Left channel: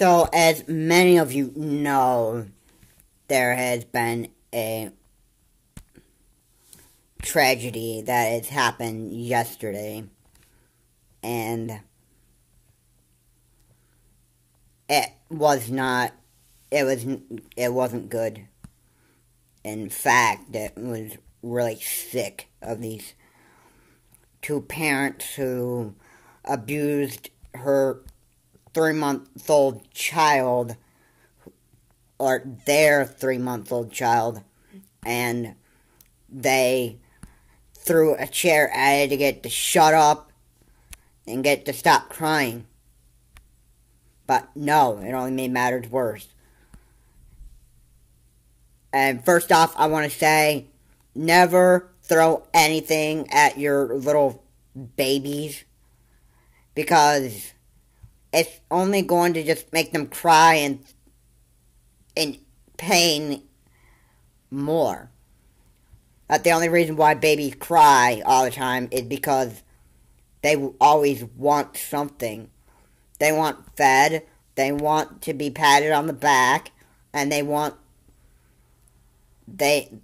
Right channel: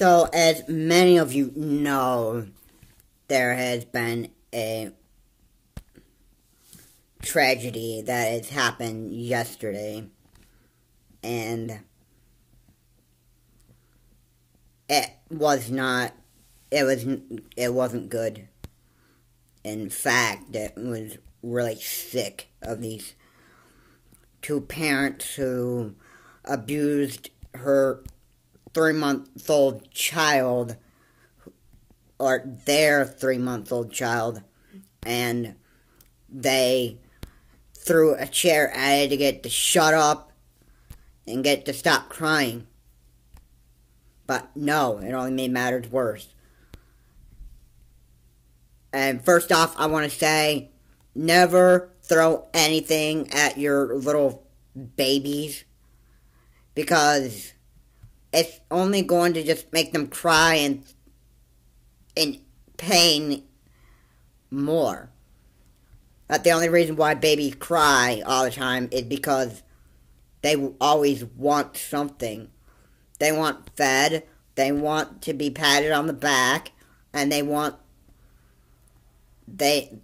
So, as many of you know, there has been a tragedy that has happened yesterday, and it wasn't good. In fact, it was really sick of these two parents who abused her 3-month-old child, or their 3-month-old child, and they threw a chair at it to get it to shut up and get it to stop crying. But no, it only made matters worse. And first off, I want to say, never throw anything at your little babies, because it's only going to just make them cry and in pain more. But the only reason why babies cry all the time is because they always want something. They want fed, they want to be patted on the back, and they want things.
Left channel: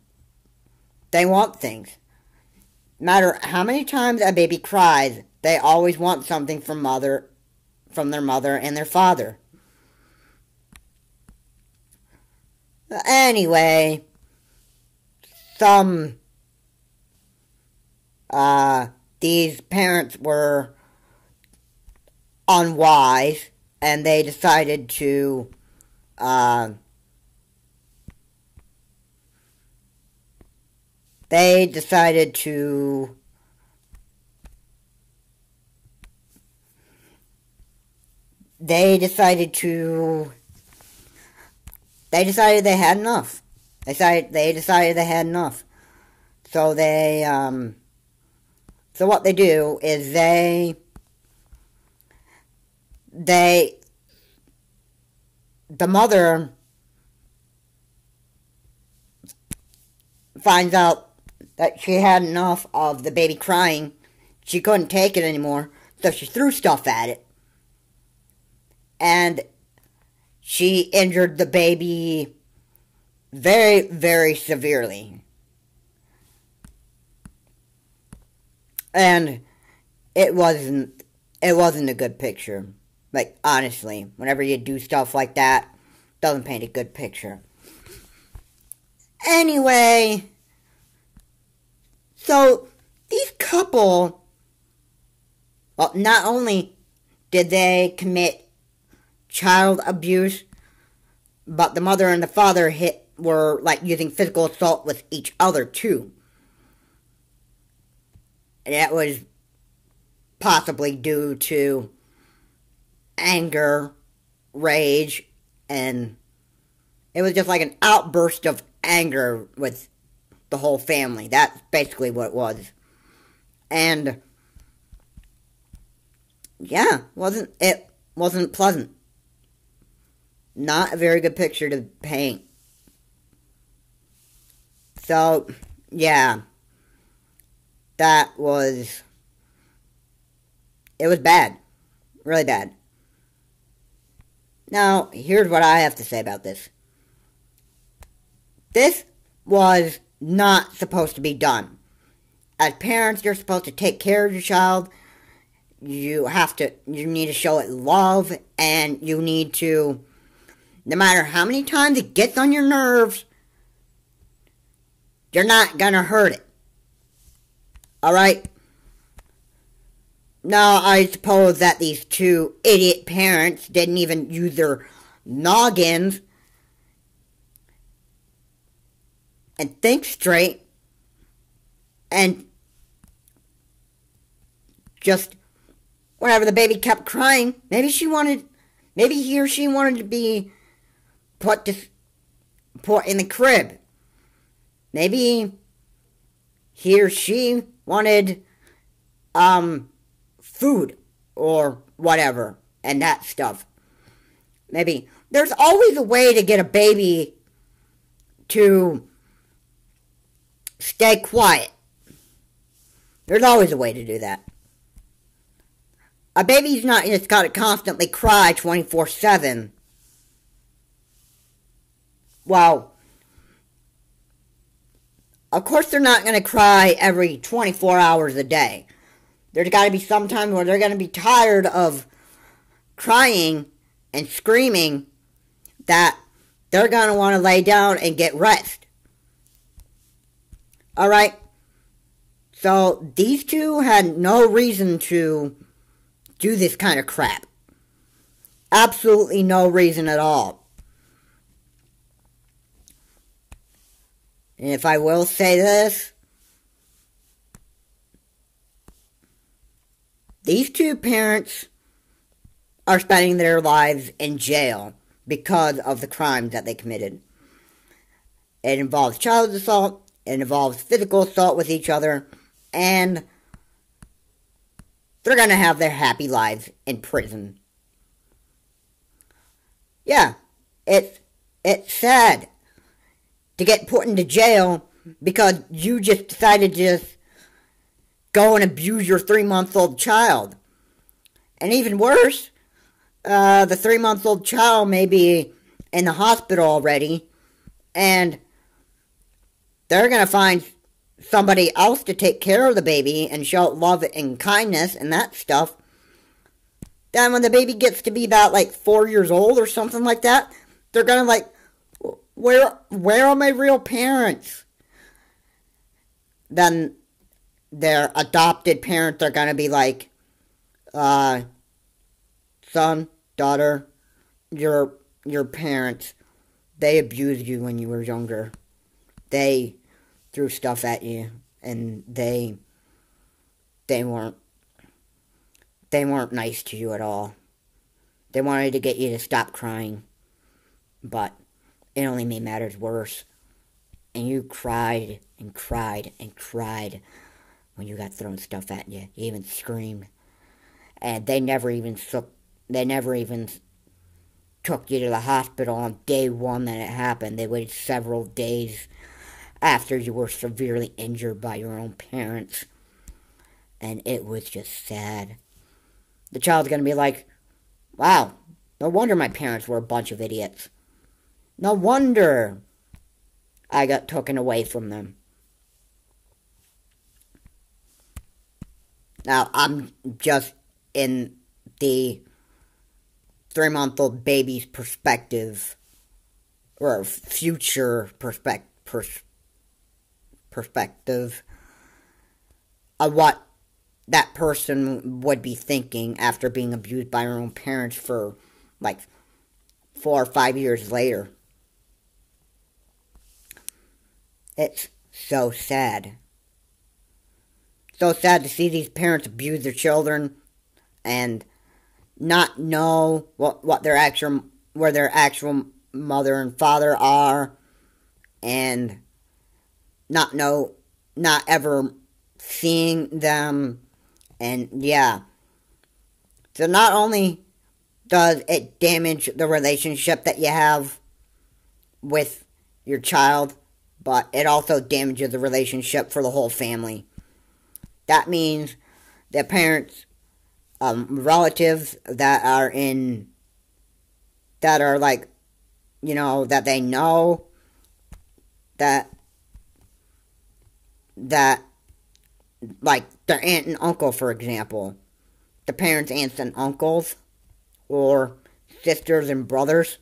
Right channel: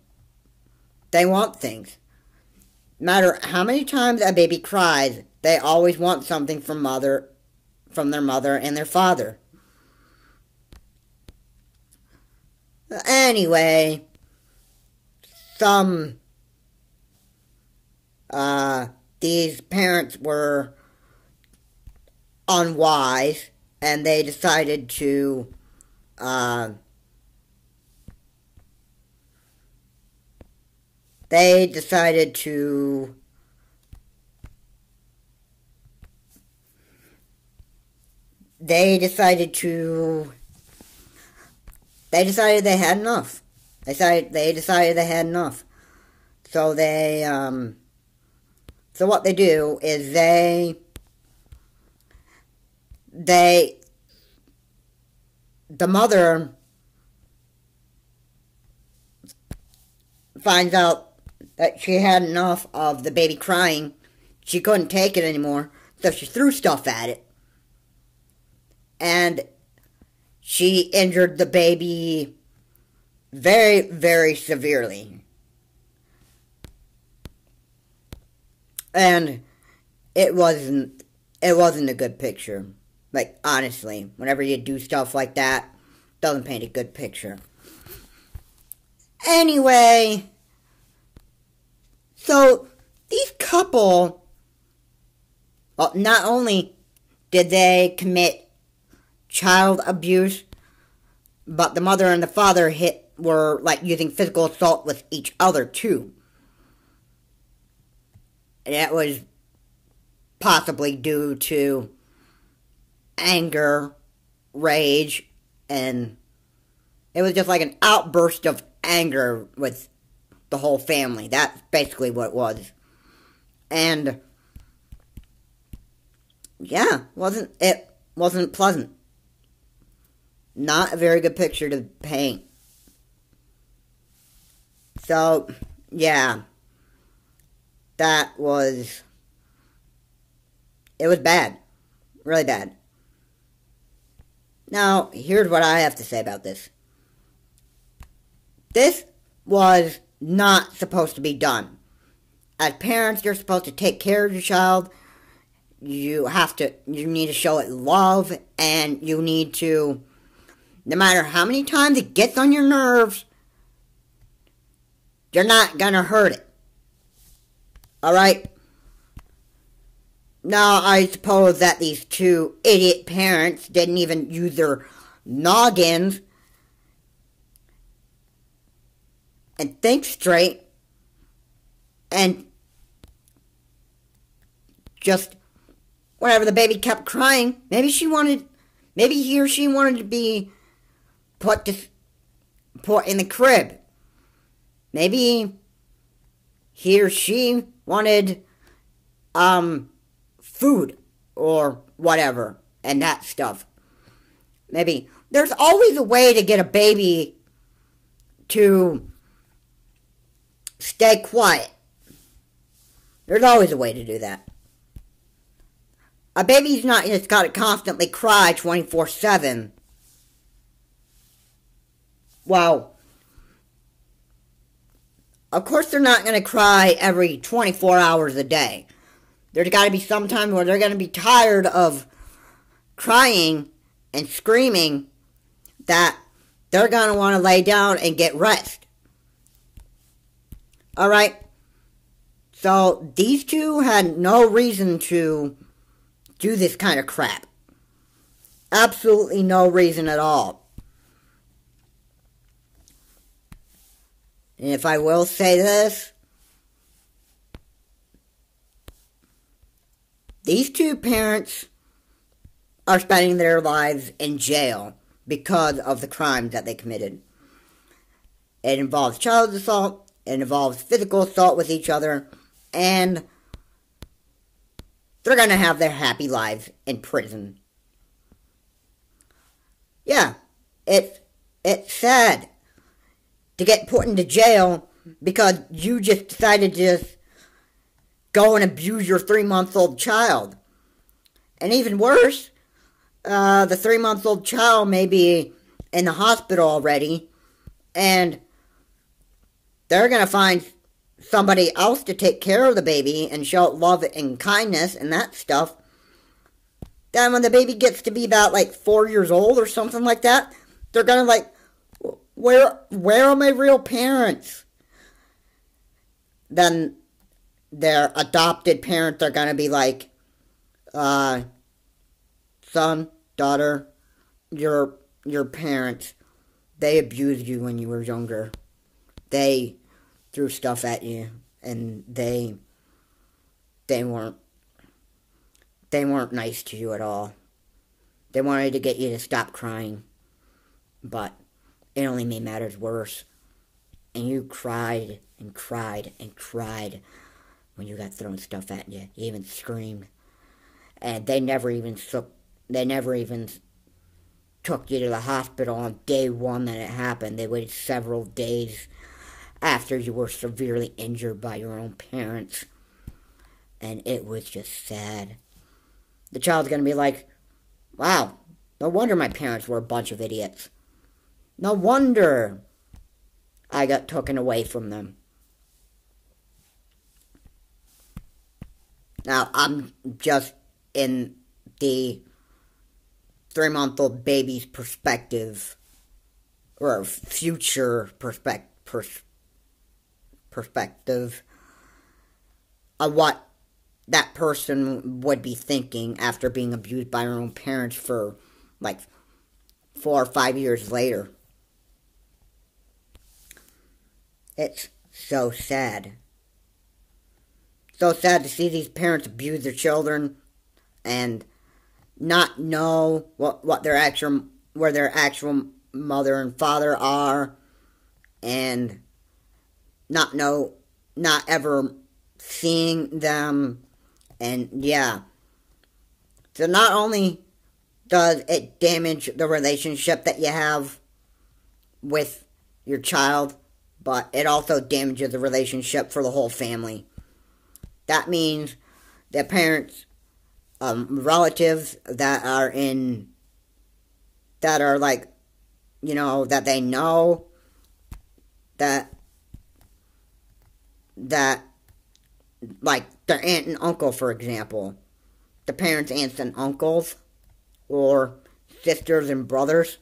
No matter how many times a baby cries, they always want something from their mother and their father. Anyway, these parents were unwise, and they decided to, They decided they had enough. They decided they had enough. So so what they do is the mother finds out that she had enough of the baby crying. She couldn't take it anymore, so she threw stuff at it. And she injured the baby very, very severely. And it wasn't a good picture. Like, honestly, whenever you do stuff like that, it doesn't paint a good picture. Anyway, so these couple, well, not only did they commit child abuse, but the mother and the father were like using physical assault with each other too. And that was possibly due to anger, rage, and it was just like an outburst of anger with the whole family. That's basically what it was. And yeah, it wasn't pleasant. Not a very good picture to paint. So, yeah. It was bad. Really bad. Now, here's what I have to say about this. This was not supposed to be done. As parents, you're supposed to take care of your child. You need to show it love, and you need to, no matter how many times it gets on your nerves, you're not gonna hurt it. Alright? Now, I suppose that these two idiot parents didn't even use their noggins and think straight, and just, whenever the baby kept crying, maybe he or she wanted to be put in the crib. Maybe he or she wanted, food or whatever, and that stuff. Maybe there's always a way to get a baby to stay quiet. There's always a way to do that. A baby's not just got to constantly cry 24/7 Well, of course they're not going to cry every 24 hours a day. There's got to be some time where they're going to be tired of crying and screaming that they're going to want to lay down and get rest. Alright? So, these two had no reason to do this kind of crap. Absolutely no reason at all. And if I will say this, these two parents are spending their lives in jail because of the crimes that they committed. It involves child assault, it involves physical assault with each other, and they're going to have their happy lives in prison. Yeah, it's sad to get put into jail because you just decided to just go and abuse your 3-month-old child. And even worse, the 3-month-old child may be in the hospital already, and they're going to find somebody else to take care of the baby and show love and kindness and that stuff. Then when the baby gets to be about, like, 4 years old or something like that, they're going to, like, where are my real parents? Then their adopted parents are going to be like, son, daughter, your parents, they abused you when you were younger. They threw stuff at you, and they weren't nice to you at all. They wanted to get you to stop crying, but it only made matters worse. And you cried and cried and cried when you got thrown stuff at you. You even screamed. And they never even took you to the hospital on day one that it happened. They waited several days after you were severely injured by your own parents. And it was just sad. The child's going to be like, wow, no wonder my parents were a bunch of idiots. No wonder I got taken away from them. Now, I'm just in the 3-month-old baby's perspective, or future perspective of what that person would be thinking after being abused by her own parents for, like, 4 or 5 years later. It's so sad. So sad to see these parents abuse their children and not know where their actual mother and father are, and not ever seeing them. And yeah, so not only does it damage the relationship that you have with your child, but it also damages the relationship for the whole family. That means the parents, relatives that are like, you know, that they know, that like their aunt and uncle, for example, the parents' aunts and uncles, or sisters and brothers,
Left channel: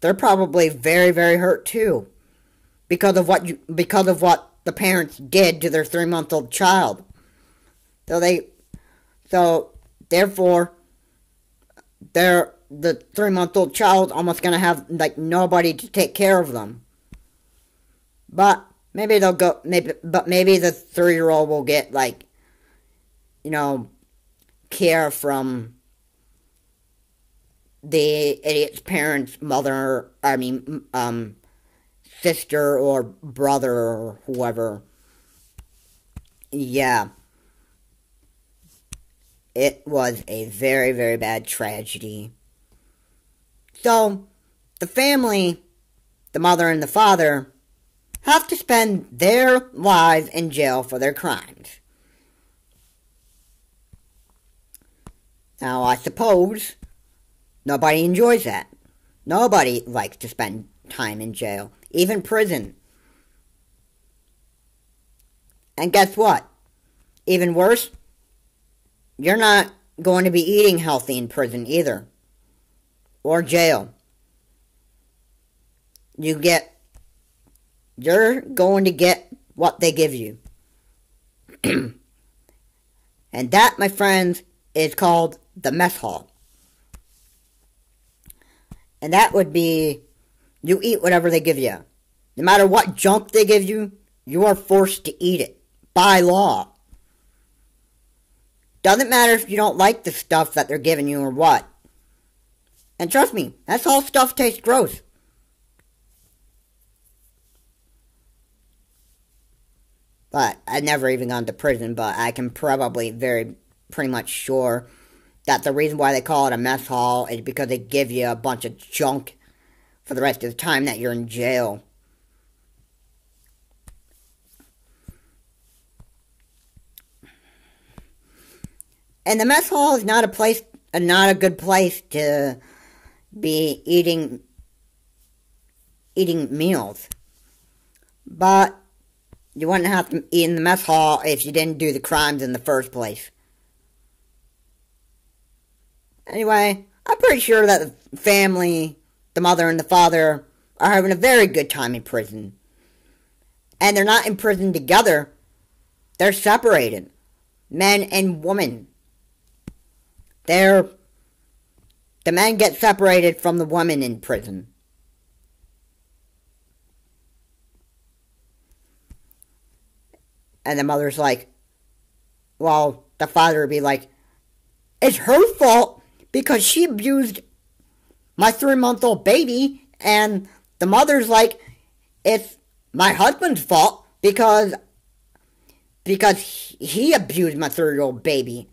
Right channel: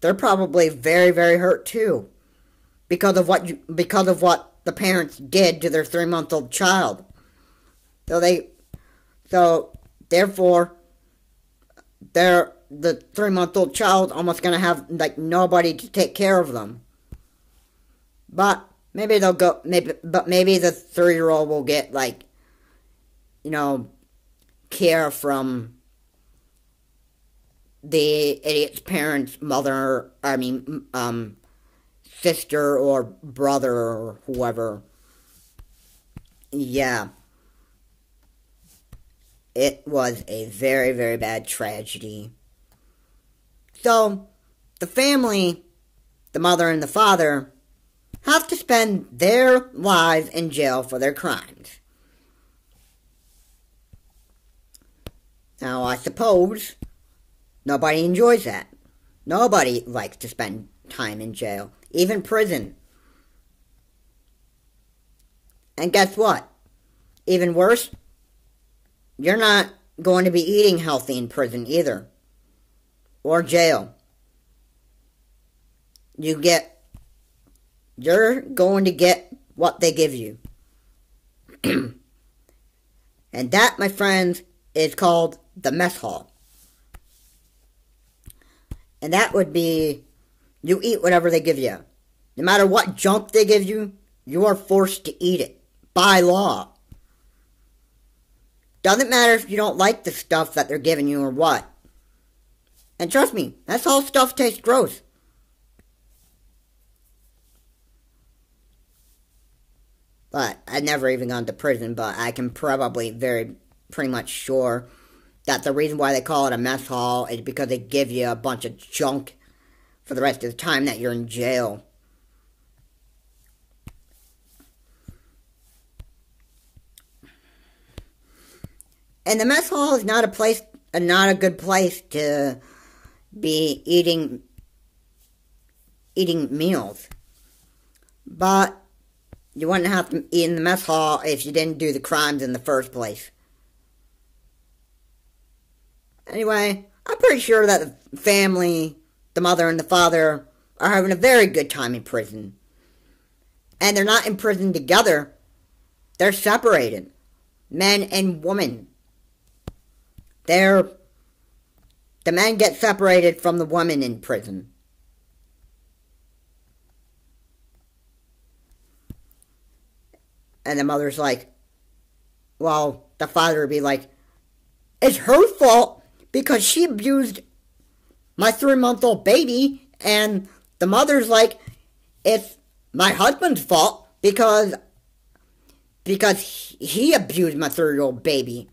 they're probably very, very hurt too, because of what the parents did to their 3-month-old child. So therefore, the 3-month-old child almost gonna have like nobody to take care of them. But maybe the 3-year-old will get, like, you know, care from the idiot's parents, sister or brother or whoever. Yeah. It was a very, very bad tragedy. So, the family, the mother and the father, have to spend their lives in jail for their crimes. Now, I suppose nobody enjoys that. Nobody likes to spend time in jail, even prison. And guess what? Even worse, you're not going to be eating healthy in prison either, or jail. You're going to get what they give you. And that, my friends, is called the mess hall. And that would be, you eat whatever they give you. No matter what junk they give you, you are forced to eat it. By law. Doesn't matter if you don't like the stuff that they're giving you or what. And trust me, that's all stuff tastes gross. But I've never even gone to prison, but I can probably pretty much sure that the reason why they call it a mess hall is because they give you a bunch of junk for the rest of the time that you're in jail. And the mess hall is not a good place to be eating meals. But you wouldn't have to eat in the mess hall if you didn't do the crimes in the first place. Anyway, I'm pretty sure that the family, the mother and the father, are having a very good time in prison. And they're not in prison together. They're separated. Men and women. The men get separated from the women in prison. And the mother's like, well, the father would be like, it's her fault because she abused my 3-month-old baby. And the mother's like, it's my husband's fault because he abused my 3-year-old baby.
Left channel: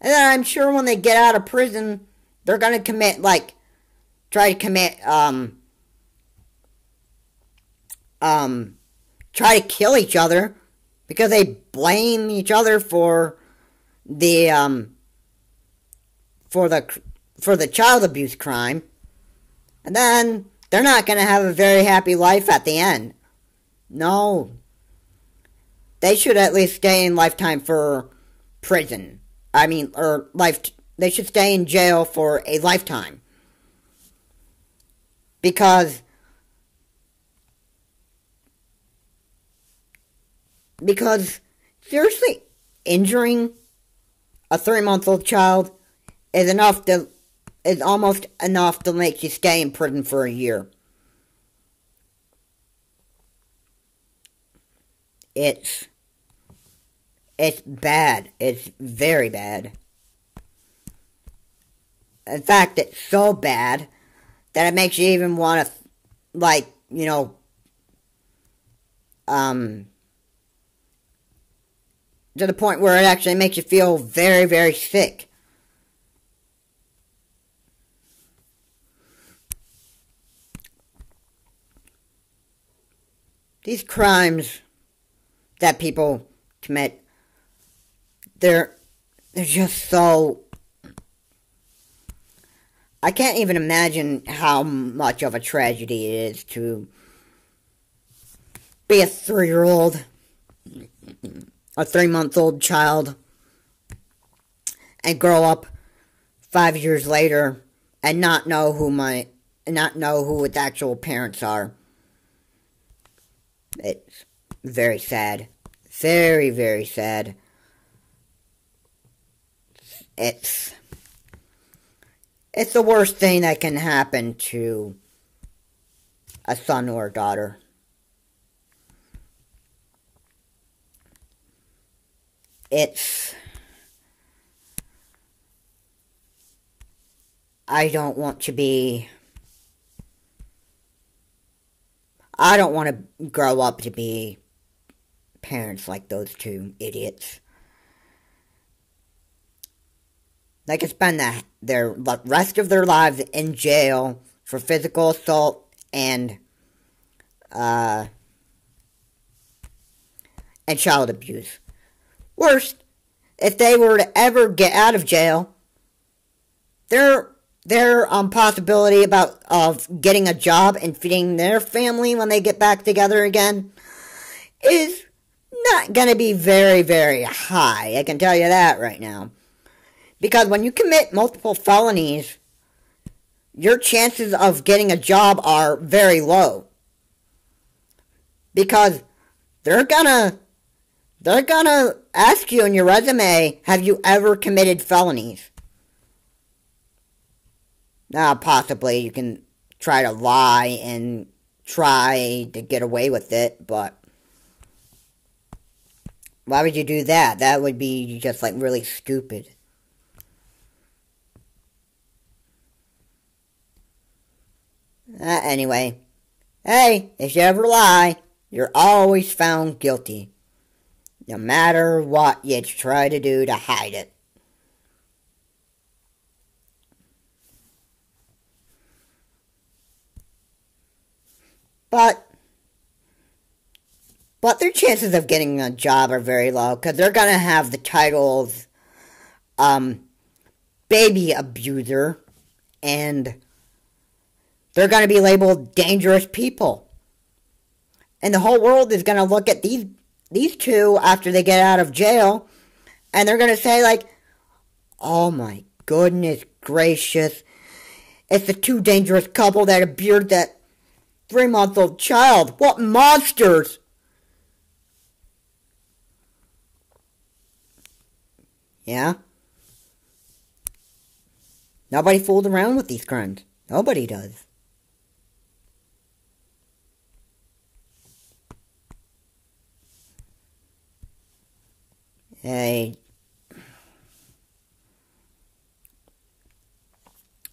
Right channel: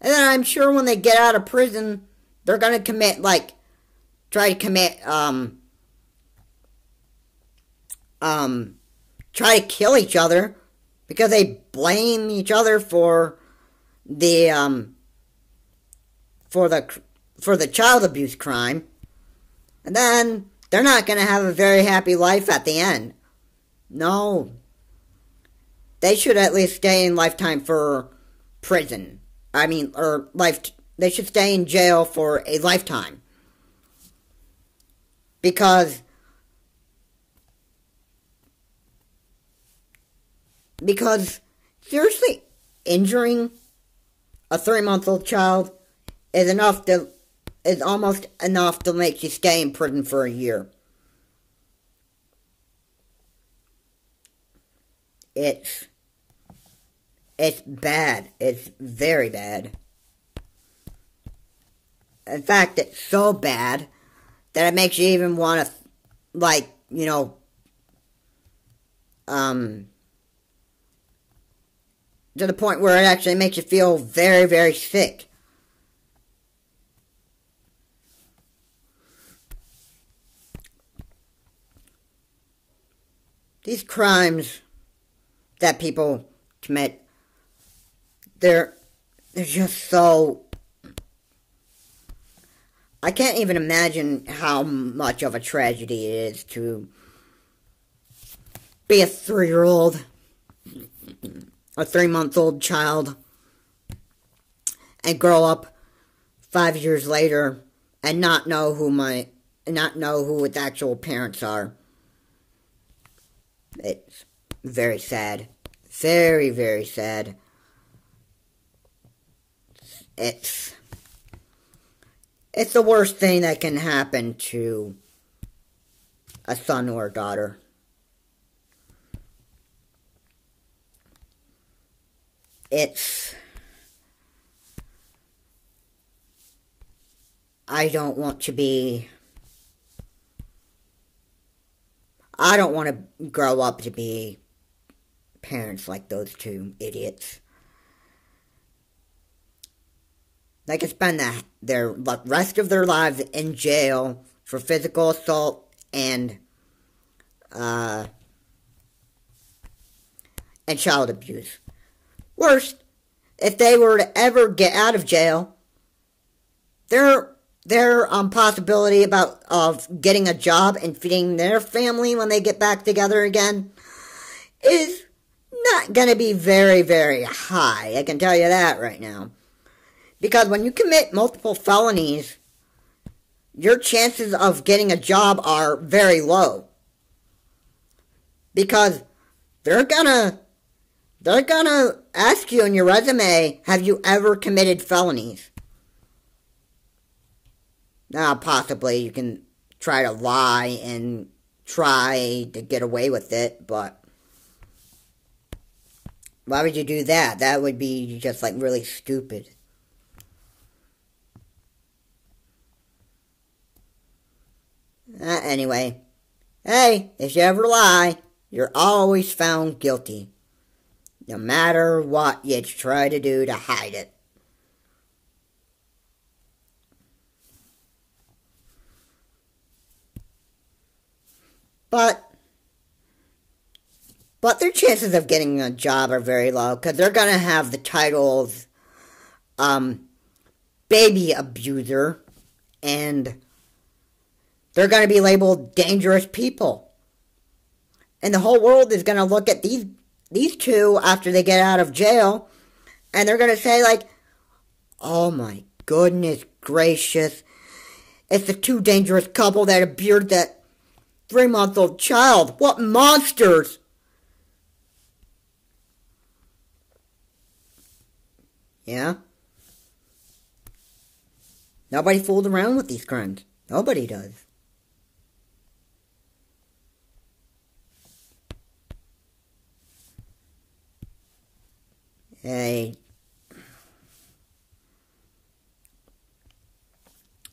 And then I'm sure when they get out of prison, they're going to commit, try to kill each other because they blame each other for the child abuse crime. And then they're not going to have a very happy life at the end. No. They should at least stay in lifetime for prison. They should stay in jail for a lifetime. Because seriously, injuring a 3-month-old child is almost enough to make you stay in prison for a year. It's bad. It's very bad. In fact, it's so bad that it makes you even want to, to the point where it actually makes you feel very, very sick. These crimes that people commit, they're just so... I can't even imagine how much of a tragedy it is to be a 3-year-old, a 3-month-old child, and grow up 5 years later and not know who its actual parents are. It's very sad. Very, very sad. It's the worst thing that can happen to a son or a daughter. I don't want to grow up to be parents like those two idiots. They can spend the rest of their lives in jail for physical assault and child abuse. Worse, if they were to ever get out of jail, they're their possibility of getting a job and feeding their family when they get back together again is not going to be very, very high. I can tell you that right now. Because when you commit multiple felonies, your chances of getting a job are very low. Because they're gonna ask you in your resume, have you ever committed felonies? Now, possibly you can try to lie and try to get away with it, but why would you do that? That would be just, like, really stupid. Anyway, hey, if you ever lie, you're always found guilty. No matter what you try to do to hide it. But their chances of getting a job are very low, because they're going to have the titles, baby abuser, and they're going to be labeled dangerous people. And the whole world is going to look at these two after they get out of jail, and they're going to say, like, oh my goodness gracious, it's the two dangerous couple that abused that 3-month-old child. What monsters! Yeah? Nobody fooled around with these crimes. Nobody does. Hey,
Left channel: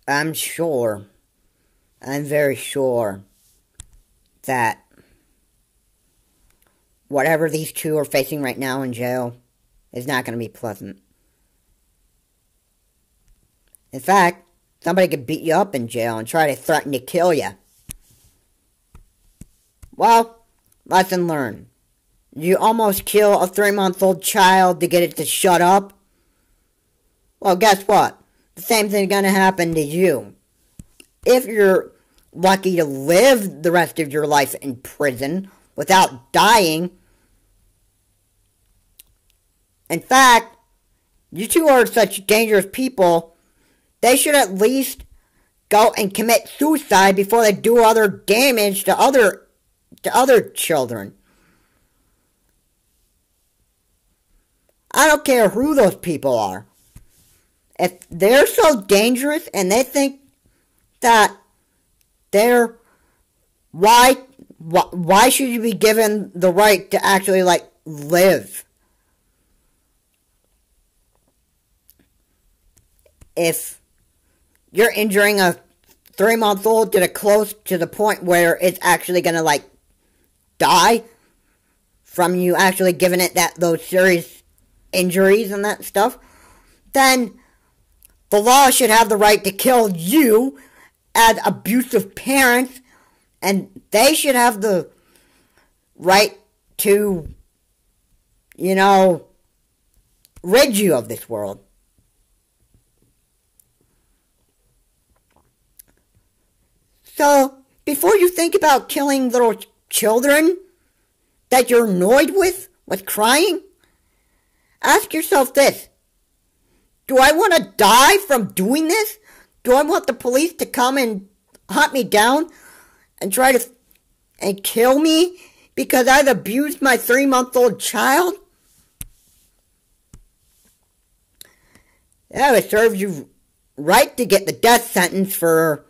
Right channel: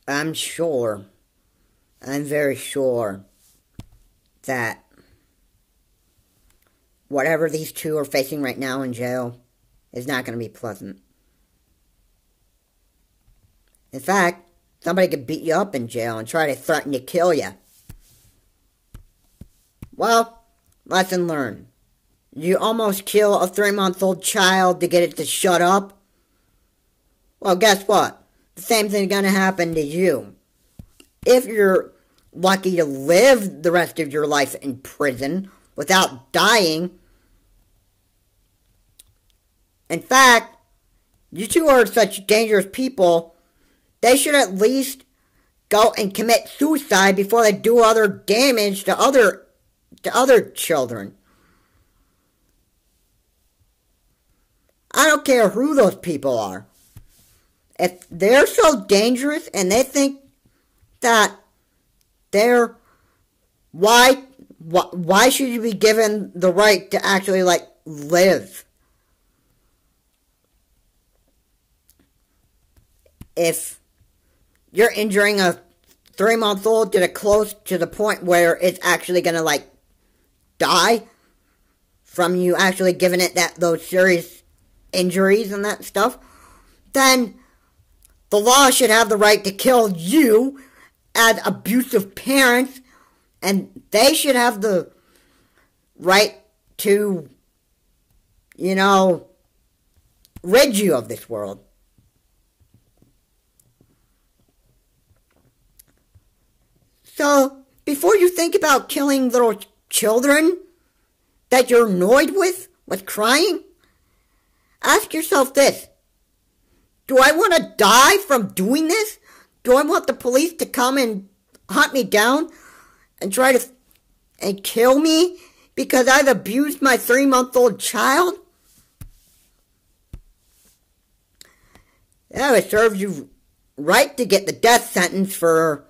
I'm very sure that whatever these two are facing right now in jail is not going to be pleasant. In fact, somebody could beat you up in jail and try to threaten to kill you. Well, lesson learned. You almost kill a 3-month-old child to get it to shut up. Well, guess what? The same thing's going to happen to you. If you're lucky to live the rest of your life in prison without dying. In fact, you two are such dangerous people, they should at least go and commit suicide before they do other damage to other children. I don't care who those people are. If they're so dangerous and they think that why should you be given the right to actually, like, live? If you're injuring a 3-month-old to the close to the point where it's actually gonna, like, die from you actually giving it those serious injuries and that stuff, then the law should have the right to kill you as abusive parents, and they should have the right to, rid you of this world. So, before you think about killing little children that you're annoyed with crying, ask yourself this. Do I want to die from doing this? Do I want the police to come and hunt me down and try to kill me because I've abused my 3-month-old child? Yeah, it serves you right to get the death sentence for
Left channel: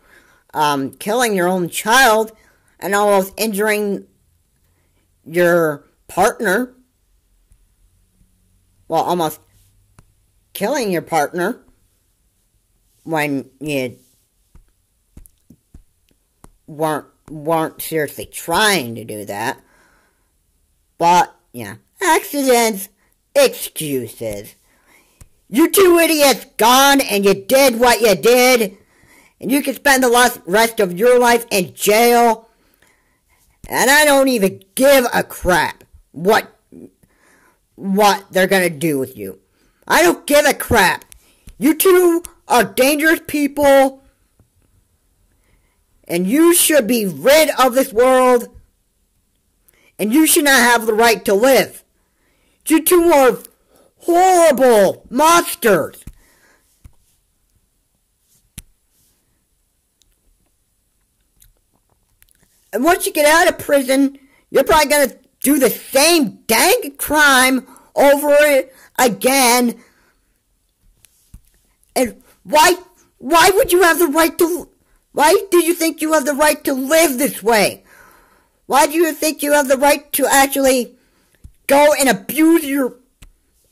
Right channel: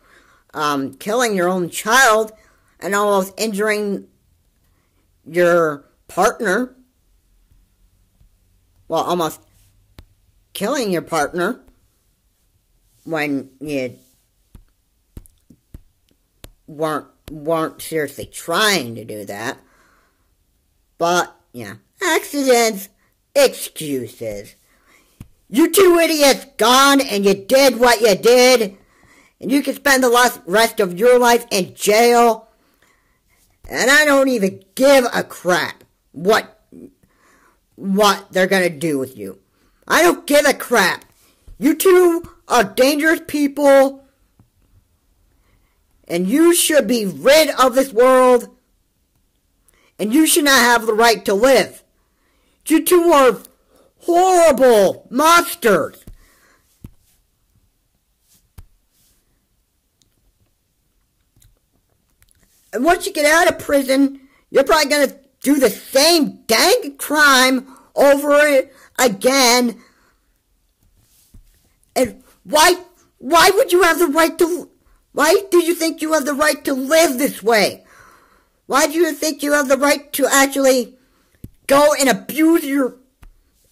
killing your own child and almost injuring your partner. Well, almost killing your partner when you weren't seriously trying to do that. But, yeah, accidents, excuses. You two idiots gone and you did what you did, and you can spend the rest of your life in jail, and I don't even give a crap what they're gonna do with you. I don't give a crap. You two are dangerous people, And you should be rid of this world. And you should not have the right to live. You two are horrible monsters. And once you get out of prison, you're probably going to do the same dang crime over again. And why would you have the right to, why do you think you have the right to live this way? Why do you think you have the right to actually go and abuse your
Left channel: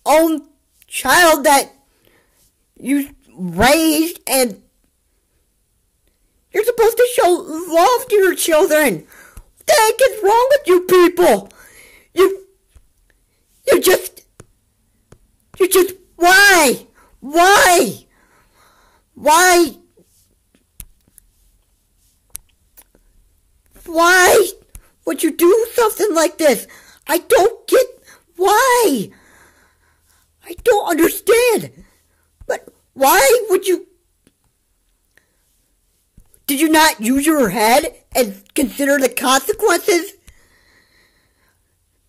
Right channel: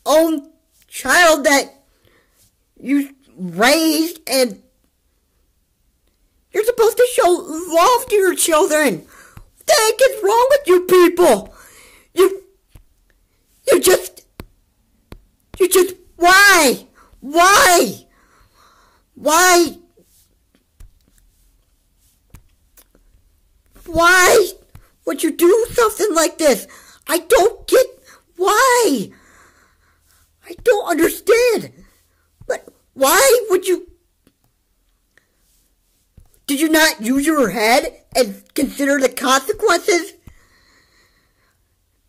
own child that you raised? And you're supposed to show love to your children. What the heck is wrong with you people? You just, why? Why would you do something like this? I don't get why. I don't understand. But why would you? Did you not use your head and consider the consequences?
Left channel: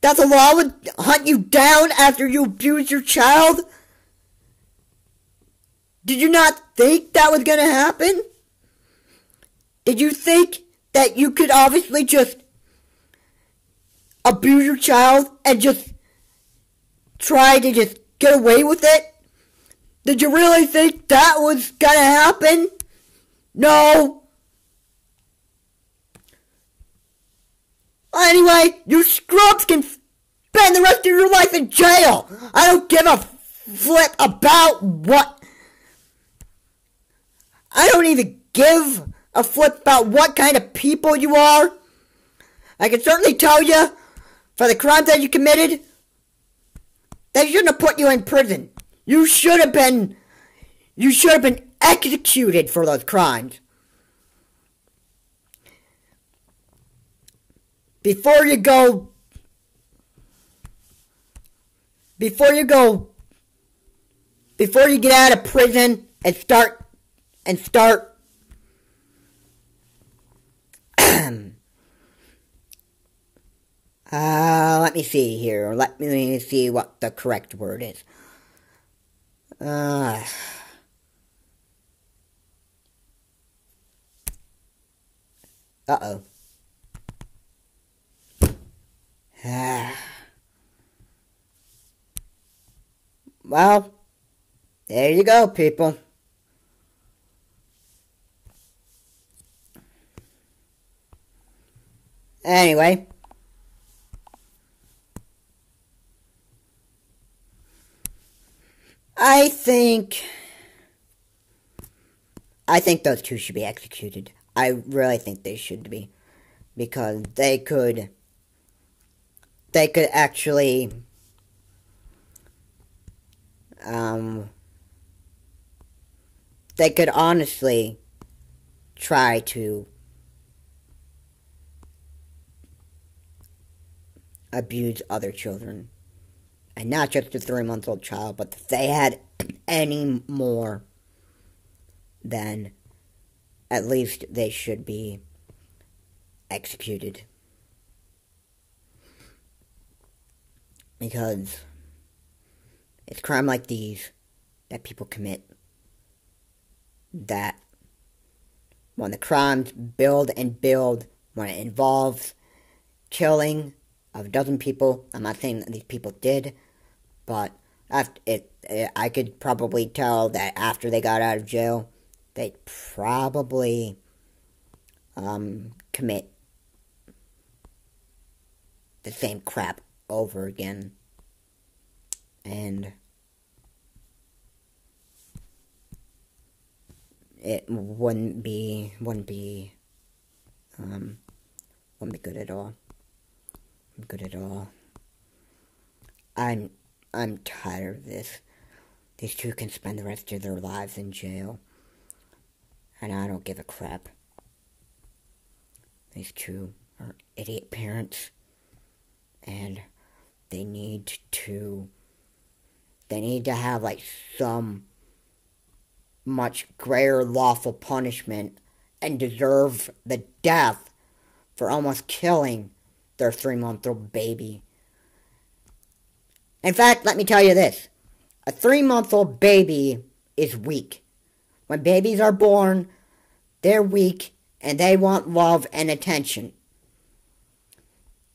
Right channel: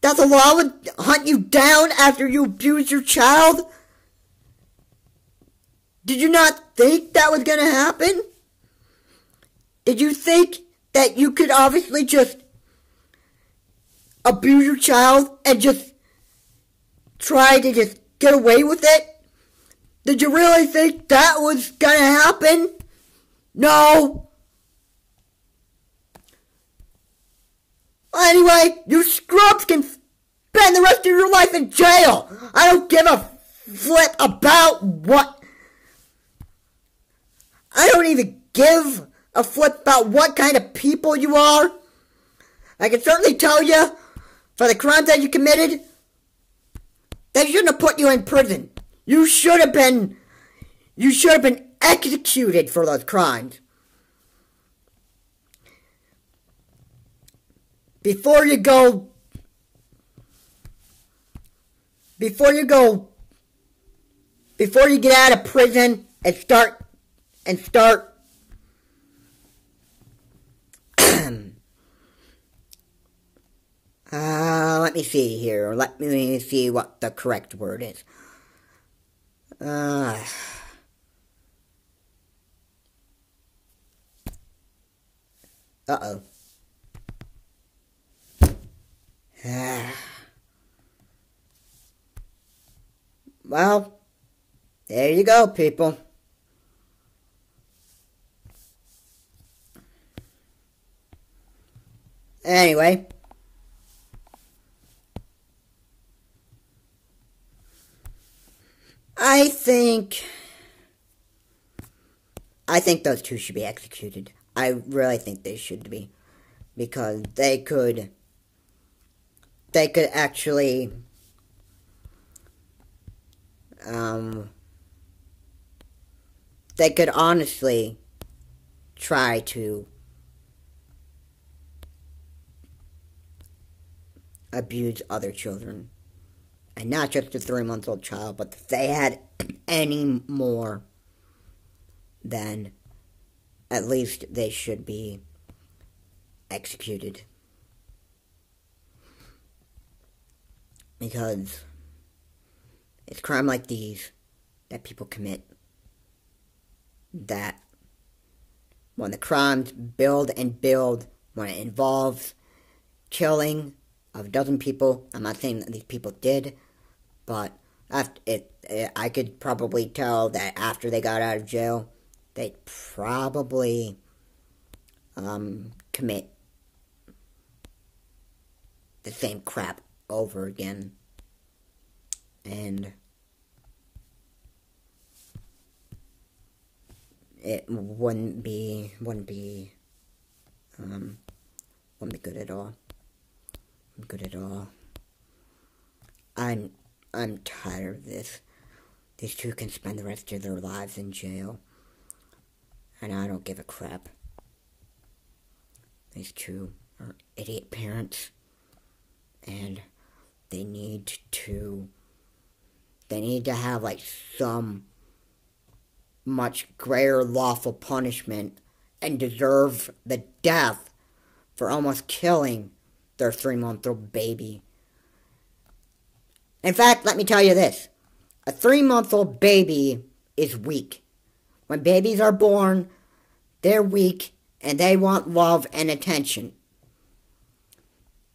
That the law would hunt you down after you abuse your child? Did you not think that was going to happen? Did you think that you could obviously just abuse your child and just try to just get away with it? Did you really think that was going to happen? No. Anyway, you scrubs can spend the rest of your life in jail. I don't give a flip about what. I don't even give a flip about what kind of people you are. I can certainly tell you, for the crimes that you committed, they shouldn't have put you in prison. You should have been executed for those crimes. Before you get out of prison and start let me see here. Let me see what the correct word is. Uh-oh. Well, there you go, people. Anyway. I think those two should be executed. I really think they should be. Because they could actually, they could honestly try to abuse other children. And not just a 3-month-old child, but if they had any more, then at least they should be executed. Because it's crime like these that people commit, that when the crimes build and build, when it involves killing of a dozen people, I'm not saying that these people did, but I could probably tell that after they got out of jail, they'd probably commit the same crap over again. And it wouldn't be good at all. Good at all. I'm tired of this. These two can spend the rest of their lives in jail, and I don't give a crap. These two are idiot parents, and they need to have like some much greater lawful punishment and deserve the death for almost killing their 3-month-old baby. In fact, let me tell you this. A 3-month-old baby is weak. When babies are born, they're weak and they want love and attention.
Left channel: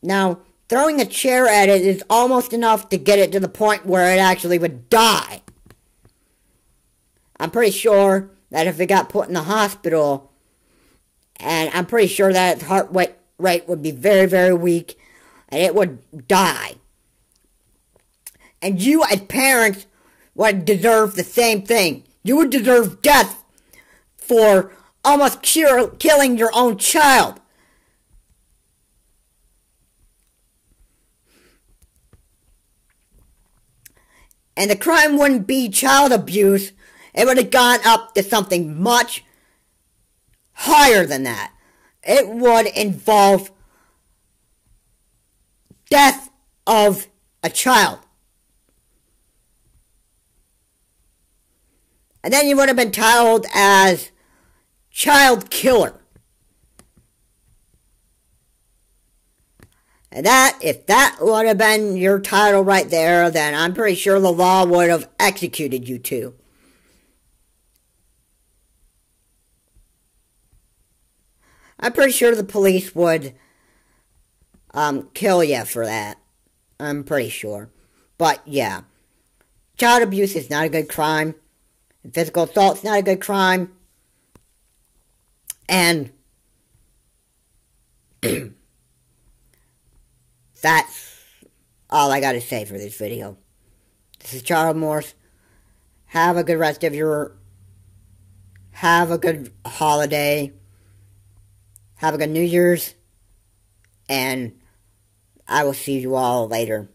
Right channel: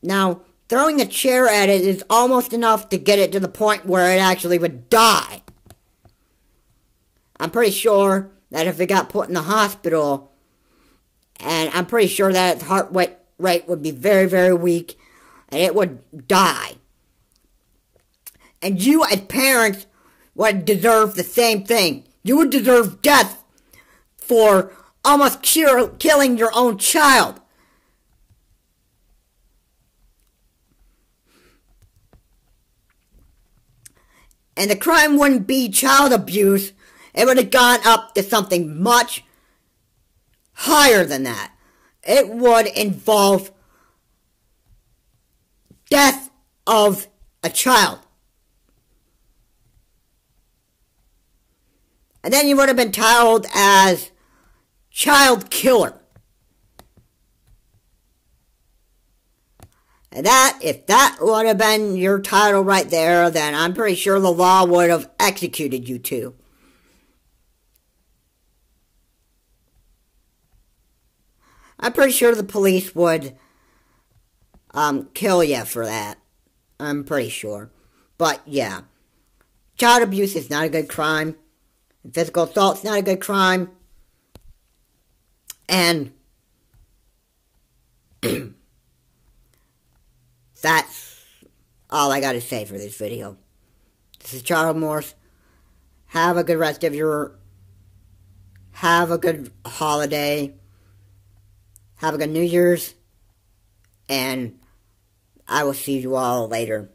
Now, throwing a chair at it is almost enough to get it to the point where it actually would die. I'm pretty sure that if it got put in the hospital, and I'm pretty sure that its heart rate would be very, very weak, and it would die. And you as parents would deserve the same thing. You would deserve death for almost killing your own child. And the crime wouldn't be child abuse. It would have gone up to something much higher than that. It would involve death of a child. And then you would have been titled as child killer. And if that would have been your title right there, then I'm pretty sure the law would have executed you too. I'm pretty sure the police would kill you for that. I'm pretty sure. But yeah, child abuse is not a good crime. Physical assault is not a good crime. And that's all I got to say for this video. This is Charles Morse. Have a good rest of your... Have a good holiday. Have a good New Year's. And I will see you all later.